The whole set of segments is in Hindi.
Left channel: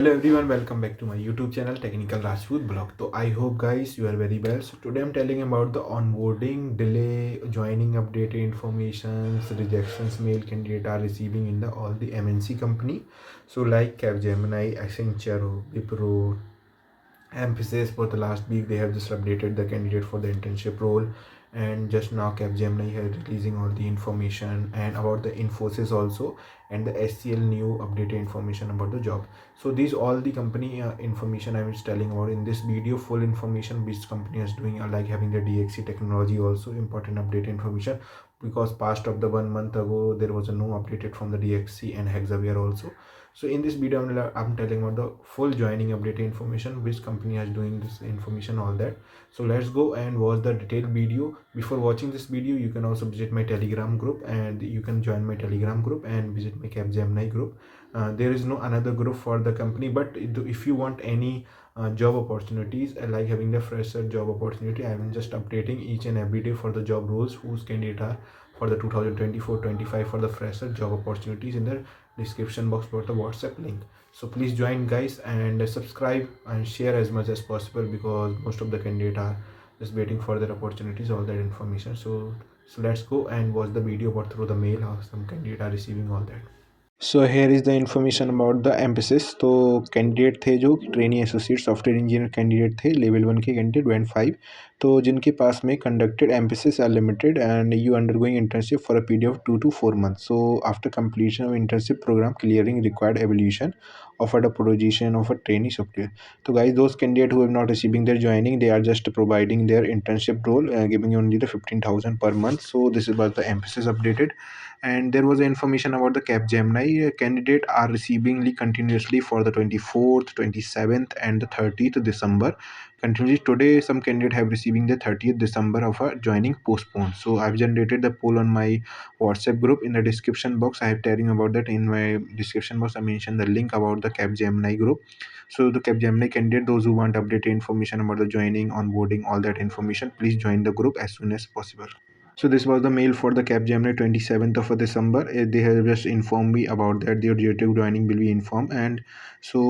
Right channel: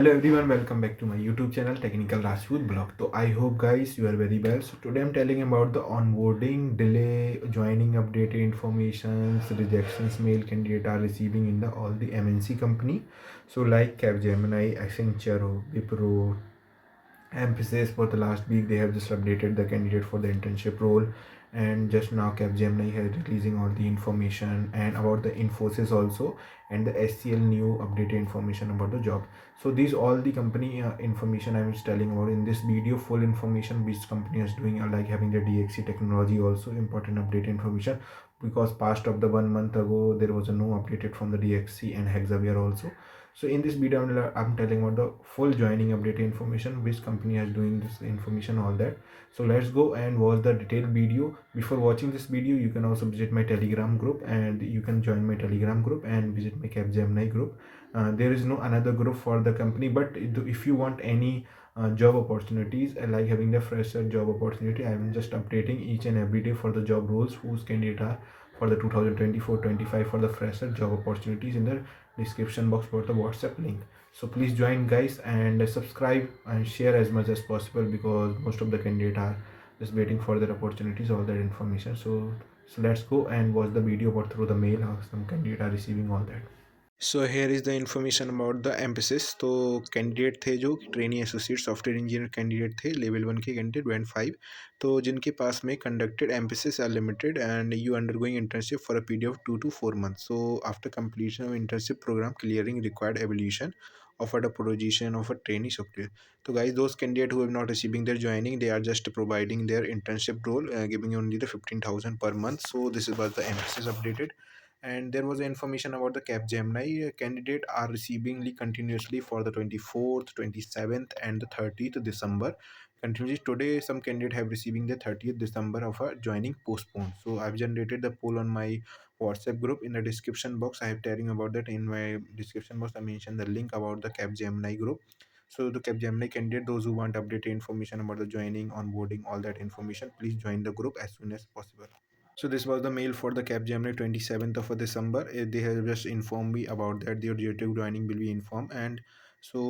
Hello everyone, welcome back to my YouTube channel Technical Rajput Blog. So I hope guys you are very well. So today I'm telling about the onboarding delay, joining updated informations, rejections mail candidate are receiving in the all the MNC company. So like Capgemini, Accenture, Wipro, Emphasis for the last week they have just updated the candidate for the internship role, and just now Capgemini has releasing all the information and about the Infosys also, and the SCL new updated information about the job. So these all the company information I was telling about in this video. Full information which company is doing, like having the DXC technology also important update information, because past of the 1 month ago there was a no updated from the DXC and Hexaware also. So in this video I'm telling about the full joining update information, which company is doing this information, all that. So let's go and watch the detailed video. Before watching this video you can also visit my Telegram group, and you can join my Telegram group and visit my Capgemini group. There is no another group for the company, but if you want any job opportunities, like having the fresher job opportunity, I am just updating each and every day for the job roles whose candidate are for the 2024-25 for the fresher job opportunities in the description box for the WhatsApp link. So please join guys, and subscribe and share as much as possible, because most of the candidates are just waiting for their opportunities, all that information. So let's go and watch the video about through the mail how some candidates are receiving all that. So here is the information about the emphasis. तो कैंडिडेट थे जो trainee associate software engineer candidate थे, लेवल 1 के कैंडिडेट बैंड 5, तो जिनके पास में conducted Mphasis are limited and you undergoing internship for a period of 2 to 4 months. So after completion of internship program clearing required evaluation offered a position of a trainee software. So guys, those candidates who have not receiving their joining, they are just providing their internship role, giving only the 15,000 per month. So this is what the emphasis updated. And there was information about the Capgemini candidate are receiving continuously for the 24th, 27th and the 30th December. Continuously today some candidate have receiving the 30th December of a joining postponed. So I've generated the poll on my WhatsApp group. In the description box I have telling about that. In my description box I mentioned the link about the Capgemini group. So the Capgemini candidate, those who want updated information about the joining, onboarding, all that information, please join the group as soon as possible. So this was the mail for the Capgemini 27th of December. They have just informed me about that their due to joining will be informed, and so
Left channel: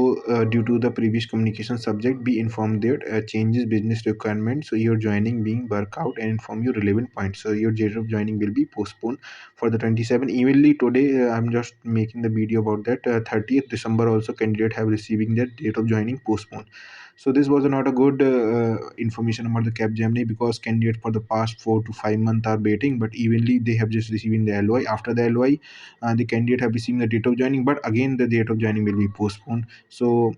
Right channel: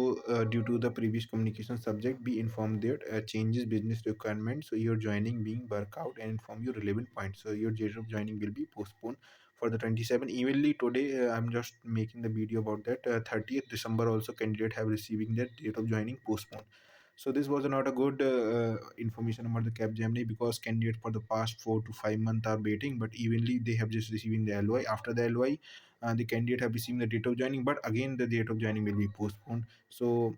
due to the previous communication subject, be informed that changes business requirement. So your joining being work out and inform you relevant points. So your date of joining will be postponed for the 27. Evenly today, I'm just making the video about that. 30th December also candidate have receiving their date of joining postponed. So this was not a good information about the Capgemini, because candidates for the past 4 to 5 months are waiting, but evenly they have just receiving the LOI. After the LOI, the candidate have received the date of joining, but again the date of joining will be postponed. So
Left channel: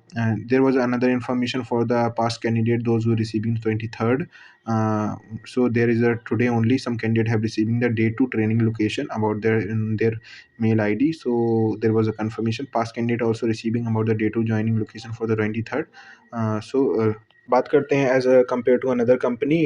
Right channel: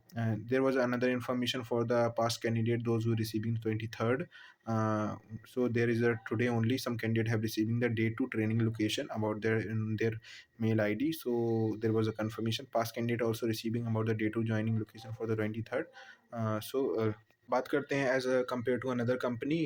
there was another information for the past candidate, those who are receiving 23rd. Uh, so there is a today only some candidate have receiving the day to training location about their in their mail ID. So there was a confirmation. Past candidate also receiving about the day to joining location for the 23rd. बात करते हैं as compare to another company,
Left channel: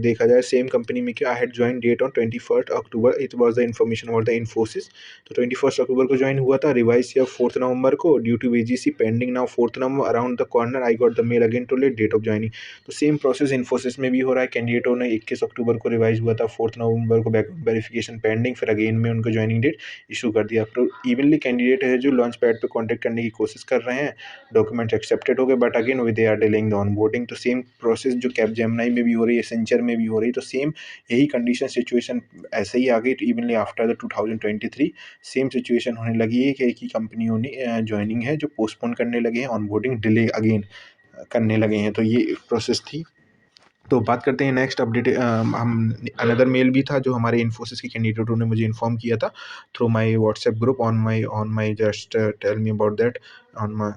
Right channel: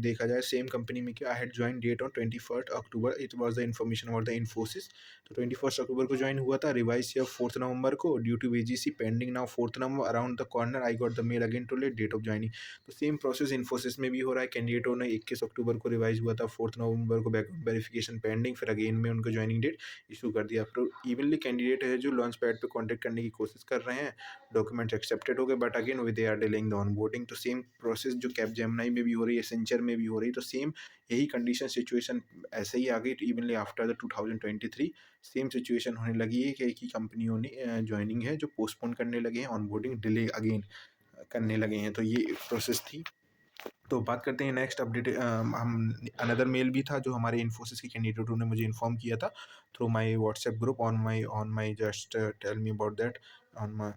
देखा जाए सेम कंपनी में कि I had join date on 21 October. It was the information about the Infosys. तो 21 अक्टूबर को ज्वाइन हुआ था, रिवाइज किया 4 नवंबर को due to VGC pending now 4 November around the corner I got the mail again to late date of joining. तो सेम प्रोसेस इन्फोसिस में भी हो रहा है. कैंडिडेटों ने 21 अक्टूबर को रिवाइज हुआ था, 4 नवंबर को बैकग्राउंड वेरिफिकेशन पेंडिंग, फिर अगेन में उनको ज्वाइनिंग डेट इशू कर दिया. तो इवनली कैंडिडेट है जो लॉन्च पैड पर कॉन्टैक्ट करने की कोशिश कर रहे हैं, डॉक्यूमेंट्स एक्सेप्टेड हो गए, but again we they are delaying the onboarding. तो सेम प्रोसेस जो कैपजेमिनी में भी हो रही है, एसेंचर में भी हो रही है, तो सेम यही कंडीशन सिचुएशन ऐसे ही आ गई. Evenly after the 2023 same situation होने लगी है कि एक ही कंपनियों ने ज्वाइनिंग है जो पोस्टपोन करने लगे हैं, ऑनबोर्डिंग डिले अगेन करने लगे हैं. तो ये प्रोसेस थी. तो बात करते हैं नेक्स्ट अपडेट. हम अनदर मेल भी था जो हमारे इन्फोसिस के कैंडिडेटों ने मुझे इन्फॉर्म किया था through my WhatsApp group on my just tell me about that on my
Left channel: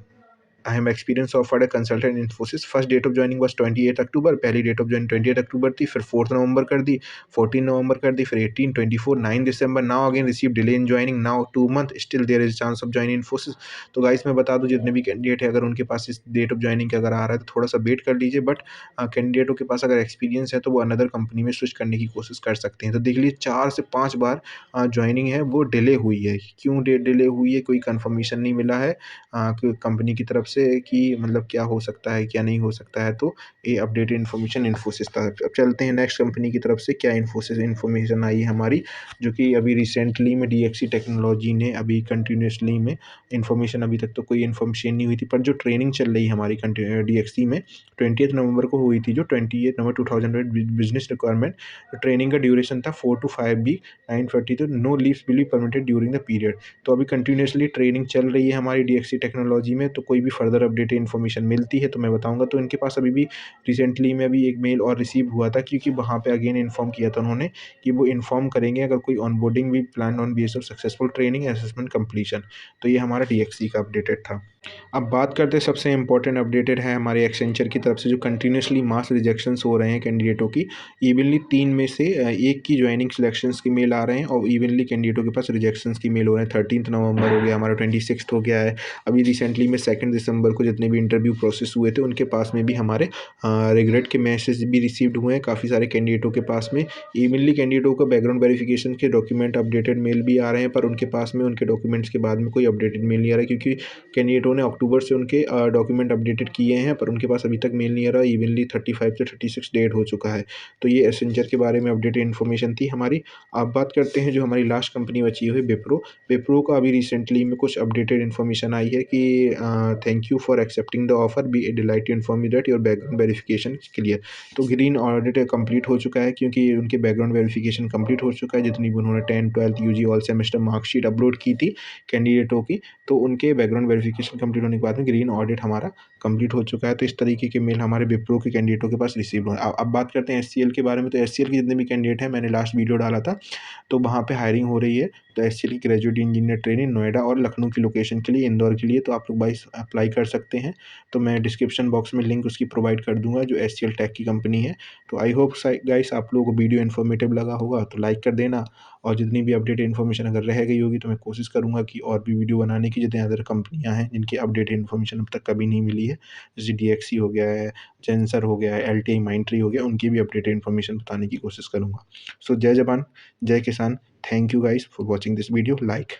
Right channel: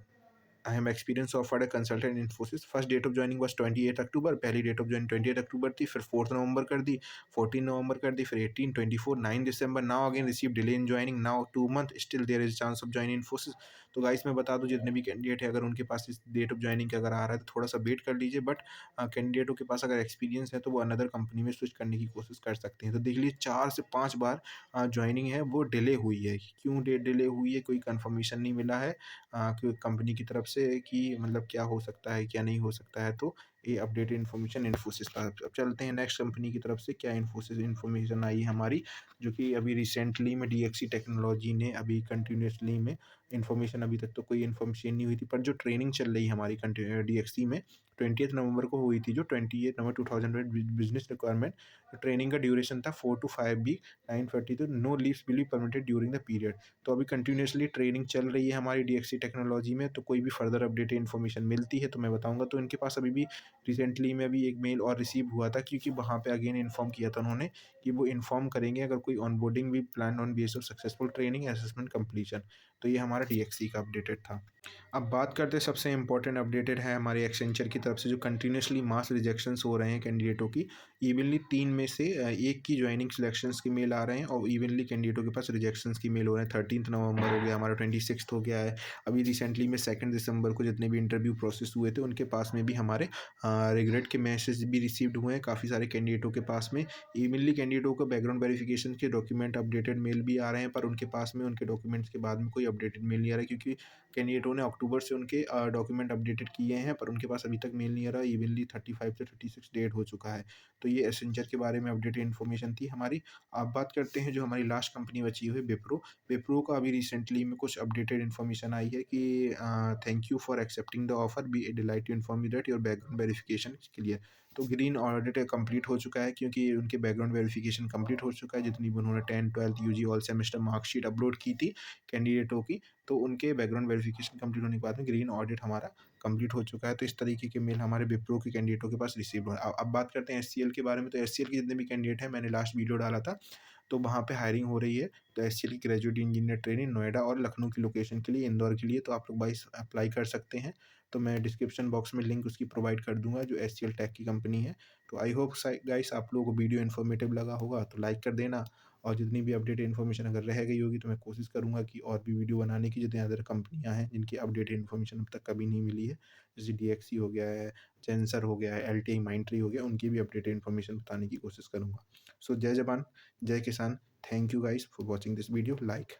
I am experience offered a consultant in Infosys. First date of joining was 28 अक्टूबर. पहली डेट ऑफ ज्वाइन 28 अक्टूबर थी, फिर 4 नवंबर कर दी, 14 नवंबर कर दी, फिर 18, 24, 9 दिसंबर. Now again receive delay in joining, now 2 month still there is chance of join Infosys. तो गाइस मैं बता दूं, जितने भी कैंडिडेट है अगर उनके पास इस डेट ऑफ ज्वाइनिंग के अगर आ रहा है तो थोड़ा सा वेट कर लीजिए. बट कैंडिडेटों के पास अगर एक्सपीरियंस है तो वो अनदर कंपनी में स्विच करने की कोशिश कर सकते हैं. तो देख लीजिए 4 से 5 बार ज्वाइनिंग है वो डिले हुई है. क्यों डिले हुई है, कोई कंफर्मेशन नहीं मिला है कंपनी की तरफ से कि मतलब क्या हो सकता है, क्या नहीं हो सकता है, तो ये अपडेटेड इन्फॉर्मेशन इन्फोसिस था। अब चलते हैं नेक्स्ट कंपनी की तरफ से क्या इन्फोसिस इन्फॉर्मेशन आई है हमारी, जो कि अभी रिसेंटली में डीएक्सी टेक्नोलॉजी ने अभी कंटिन्यूसली में इन्फॉर्मेशन, अभी तक तो कोई इन्फॉर्मेशन नहीं हुई थी, पर जो ट्रेनिंग चल रही है हमारी डीएक्सी में 20 नवंबर को हुई थी, जो 28 नवंबर 2000 बिजनेस रिक्वायरमेंट। ट्रेनिंग का ड्यूरेशन था 4 to 5 वीक, 9:30 तो no leaves will be permitted during the period. तो अभी कंटिन्यूसली ट्रेनिंग चल रही है हमारी डीएक्सी टेक्नोलॉजी में, तो कोई भी फर्दर अपडेटेड इन्फॉर्मेशन मिलती है तो मैं बताऊंगा। तो इनके पास अभी भी रिसेंटली में अभी एक मेल और रिसीव हुआ था, क्योंकि वहाँ पे अगेन इन्फॉर्म किया था उन्होंने कि वो इन्फॉर्म करेंगे अगर कोई ऑनबोर्डिंग भी plan on base of successful training assessment completion. तो ये हमारा डीएक्सी का अपडेटेड था। अब बात करते हैं सबसे इम्पोर्टेंट अपडेटेड है हमारे एक्सेंचर की तरफ से, जो कंटिन्यूसली मास रिजेक्शंस हो रहे हैं कैंडिडेटों की। इवनली 3 में से 1 की ज्वाइनिंग सिलेक्शंस की मेल आ रहे हैं, और इवनली कैंडिडेटों के पास रिजेक्शंस की मेल हो रहे हैं। 13 नवंबर हो गया हमारा, 26 हो गया है। अभी रिसेंटली में 2 दिसंबर को जितने भी इंटरव्यू प्रोसेस हुए थे उनके पास में भी हमारे रिग्रेट के मैसेज भी रिसीव्ड हुए हैं काफ़ी सारे कैंडिडेटों के पास में। इवनली कैंडिडेटों का बैकग्राउंड वेरिफिकेशन के डॉक्यूमेंट अपडेटेड मेल भी आ रहे हैं, पर उनके पास में उनके डॉक्यूमेंट्स के बाद में कोई अपडेटेड मेल नहीं आ रहा है, क्योंकि कैंडिडेटों ने अक्टूबर से उनके डॉक्यूमेंट अपडेटेड किए हैं, पर उनके पास अभी तक मेल नहीं आ रहा। इवनली 35 से 36 डेट हो चुका है। तो ये एसेंचर के बारे में अपडेटेड इन्फॉर्मेशन थी हमारी। अब बात करते हैं जो हमारी लास्ट कंपनी बची हुई विप्रो। विप्रो का अभी रिसेंटली में कुछ अपडेटेड इन्फॉर्मेशन आई है कि thank you for accepting the offer, be delight to inform you that your background verification clear. तो ग्रीन ऑडिट कंप्लीट हो चुका है, क्योंकि उनके बैकग्राउंड वेरिफिकेशन कंप्लीट हो चुका है। जितनी भी उन्होंने 10, 12 UG all semester marksheet upload की थी कैंडिडेटों की, तो उनके बैकग्राउंड वेरिफिकेशन कंप्लीट होने के बाद में ग्रीन ऑडिट हमारा कंप्लीट हो चुका है। तो इस तरीके के मेल हमारे विप्रो के कैंडिडेटों के पास रिसीव हुए। अब बात करते हैं एचसीएल के बारे में। तो एचसीएल के जितने भी कैंडिडेट हैं, मैंने लास्ट वीडियो डाला था, तो वहाँ पे हायरिंग हो रही है। तो एचसीएल की ग्रेजुएट इंजीनियर ट्रेनिंग नोएडा और लखनऊ की लोकेशन के लिए, इंदौर के लिए, तो आप लोग भाई अप्लाई कर सकते हैं। तो मैं डिस्क्रिप्शन बॉक्स में लिंक उसकी प्रोवाइड कर दूंगा, जो एचसीएल टेक की कंपनी है। तो आई होप गाइस आप लोगों को वीडियो इन्फॉर्मेटिव लगा होगा, तो लाइक कर देना। और जितनी भी अपडेट इन्फॉर्मेशन अगर रह गई होगी तो मैं कोशिश करूँगा कि और भी वीडियो बनाने की, जितने अदर कंपनियाँ हैं जिनकी अपडेट इन्फॉर्मेशन अब तक कभी नहीं मिली है, जैसे डीएक्सी हो गया है, जेंसर हो गया है, एलटीआई माइंट्री हो गया, उनकी भी अपडेटेड इन्फॉर्मेशन बताने की कोशिश करूँगा। सो जय जवान, जय किसान। Thank you guys for watching this video. Like